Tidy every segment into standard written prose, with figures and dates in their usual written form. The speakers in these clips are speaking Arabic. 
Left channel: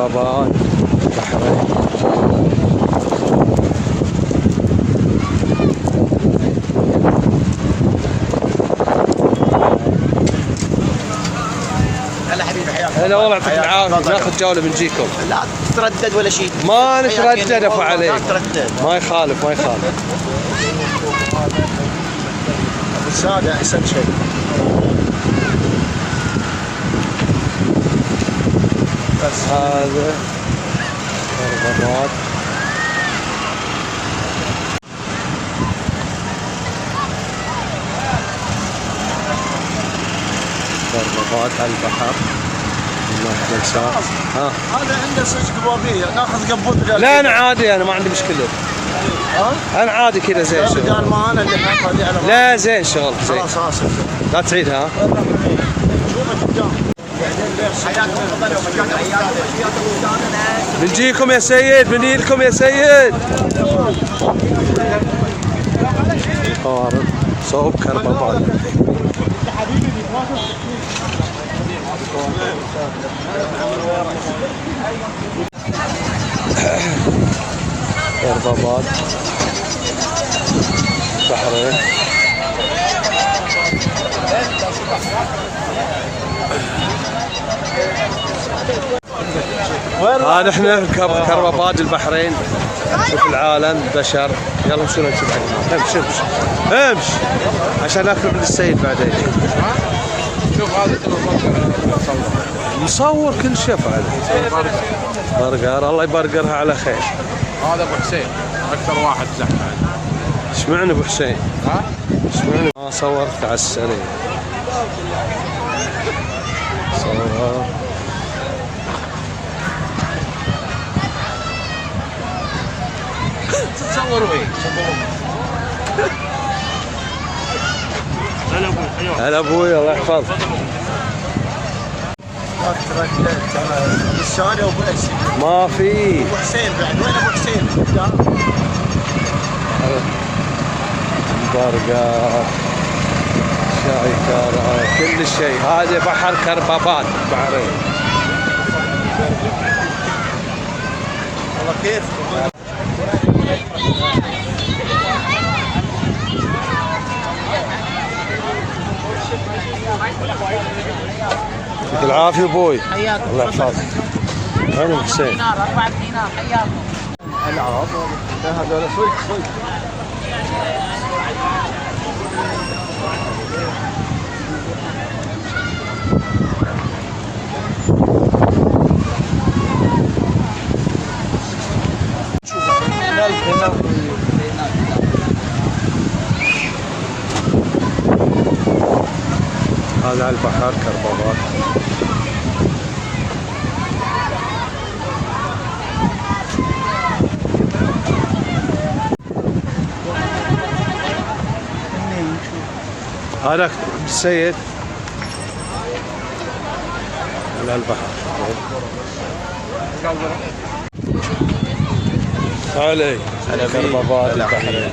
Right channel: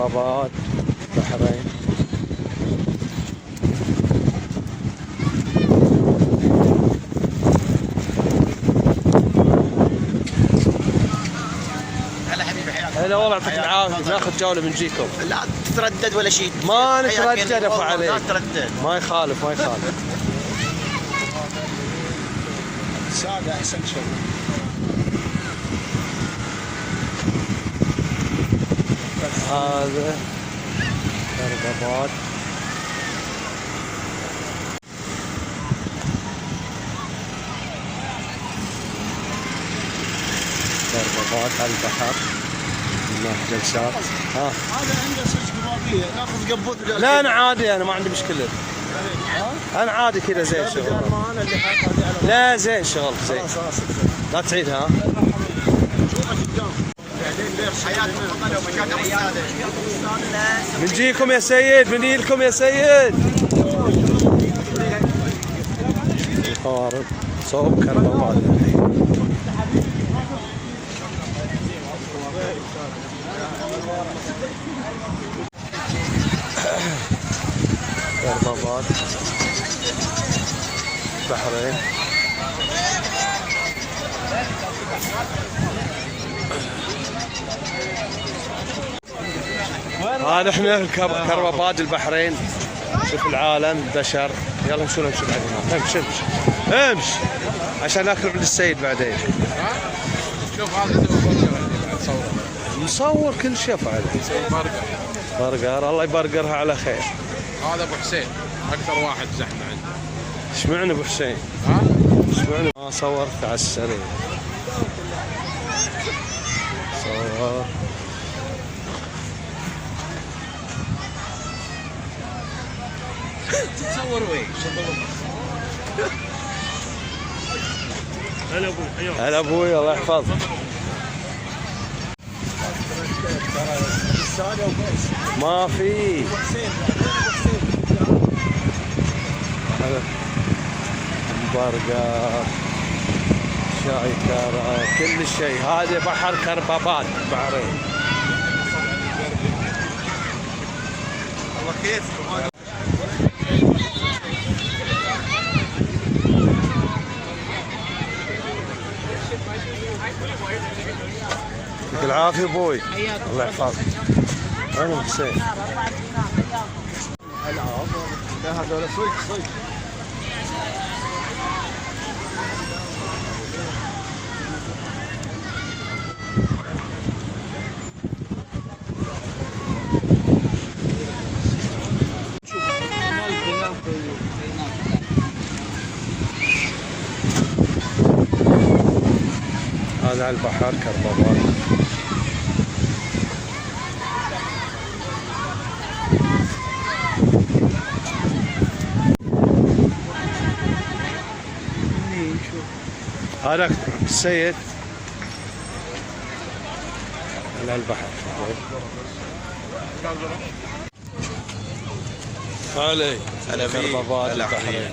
كربابات. هلا حبيبي حياك. هلا والله يعطيك العافيه. ناخذ جوله بنجيكم. لا تتردد ولا شيء. ما نتردد ابو علي. لا تتردد. ما يخالف ما يخالف. ابو الساده احسن شيء. بس هذا كربابات. كربابات على البحر. هذا عنده سج قبابيه ناخذ قبوط. لا انا عادي، انا ما عندي مشكله. انا عادي كذا زين شغل. قال ما انا اللي حاطها على لا زين شغل زين. خلاص اسف. لا تعيدها. بنجيكم يا سيد، بنجيلكم يا سيد. صوب كربابات. كربابات بحرين. هذا احنا كربابات البحرين. شوف العالم بشر. يلا شنو نشوف. امشي امشي امشي عشان ناكل من السيد بعدين. شوف هذا مصور كل شيء فعلا. برجر الله يبرجرها على خير. هذا ابو حسين اكثر واحد زحمه. اشمعنى ابو حسين؟ ها؟ اشمعنى ما صورت على السريع؟ صورها. تصوروا ايه؟ هلا ابوي. هلا ابوي الله يحفظك. الساده وابو الاسد. ما في. ابو حسين بعد وين ابو حسين؟ برجر شاي كارا كل شيء. هذا بحر كربابات بحرين. والله كيفكم. يعطيك العافيه ابوي. حياك الله يحفظك. وين ابو حسين؟ دينار 4 دينار حياكم. العاب هذول صدق. هذا على البحر كربابات. هذا السيد على البحر. علي كربابات البحرين.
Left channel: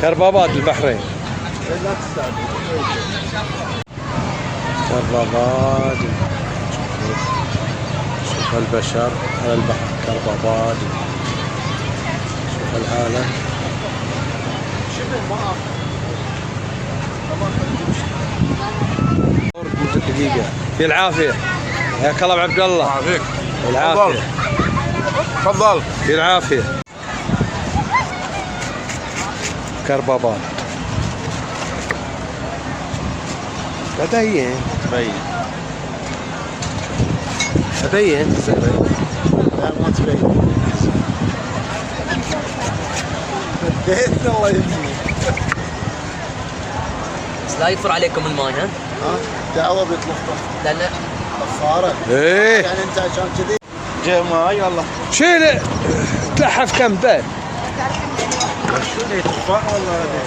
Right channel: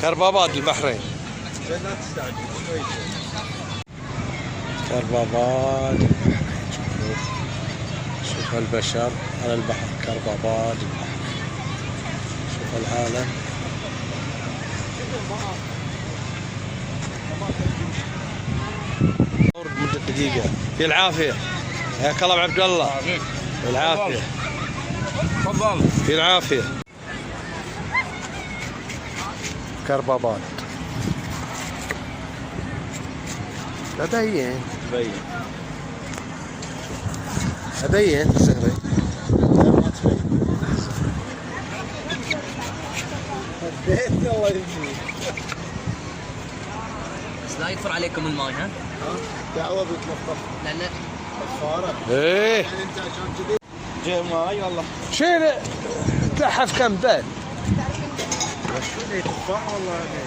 كربابات البحرين. كربابات. شوف البشر على البحر كربابات. شوف العالم. دقيقة. في العافية. حياك الله عبد الله. يعافيك. العافية. تفضل. في العافية. كربابات. أبين. أبين. لا ما تبين. الله يهديك. بس لا يطفر عليكم الماي ها؟ دعوه بيطلق لان صارت. ايه يعني انت عشان كذي جاي ماي والله. شيل تلحف كم بيت. شو اللي تفاح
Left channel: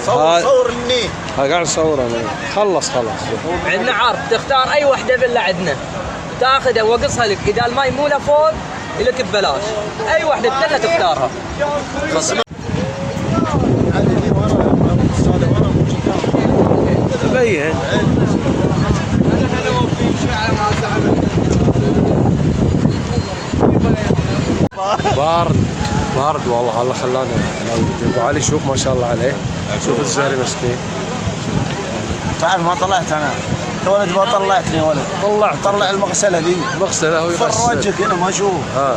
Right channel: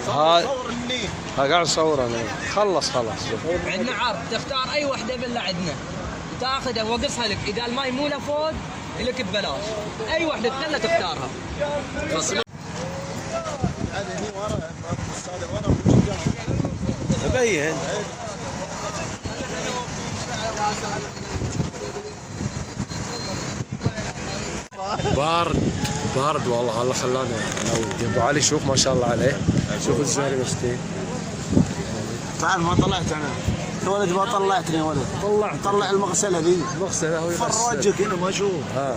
ولا صور النيل. قاعد اصور انا. خلص. عندنا عرض تختار اي وحده فيلا عندنا تاخذها وقصها لك، اذا الماي مو لفوق لك ببلاش، اي وحده فيلا تختارها. بين. بارد والله. هلا خلانا ابو علي شوف ما شاء الله عليه. شوف الزهري مسكين. تعال ما طلعت انا يا ولد، ما طلعتني يا ولد. طلع المغسله دي. مغسله هو فرجك هنا ما اشوف. ها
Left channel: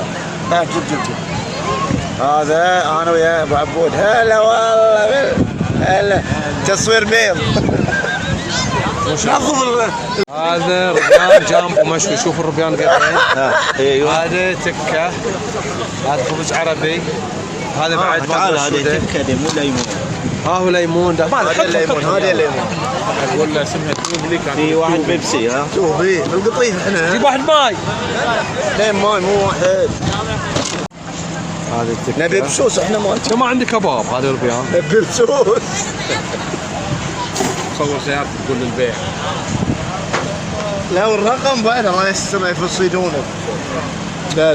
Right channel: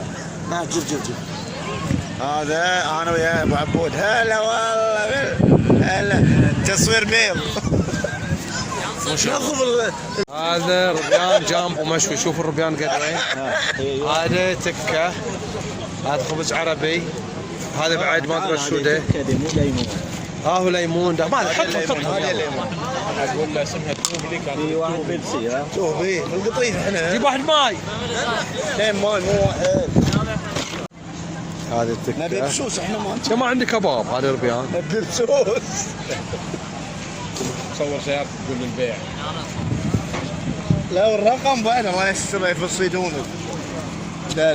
جيب هذا انا ويا ابو عبود. هلا والله هلا تصوير ميل. هذا ربيان جامبو مشوي. شوف الربيان قدين. ايوه هذا تكه. هذا خبز عربي. هذا بعد ما ادري شو ده. مو ليمون. ها هو ليمون ده. ما حط هذا ليمون. ولا اسمها توب لي كان في واحد بيبسي. ها شوف في القطيف احنا. جيب واحد ماي. اثنين ماي مو واحد. هذا التكه. نبي بسوس احنا ما انت ما عندي كباب. هذا الربيان. نبي بسوس. تصور سيارتك تقول للبيع. لا والرقم بقى ما يستر يفصلونه. لا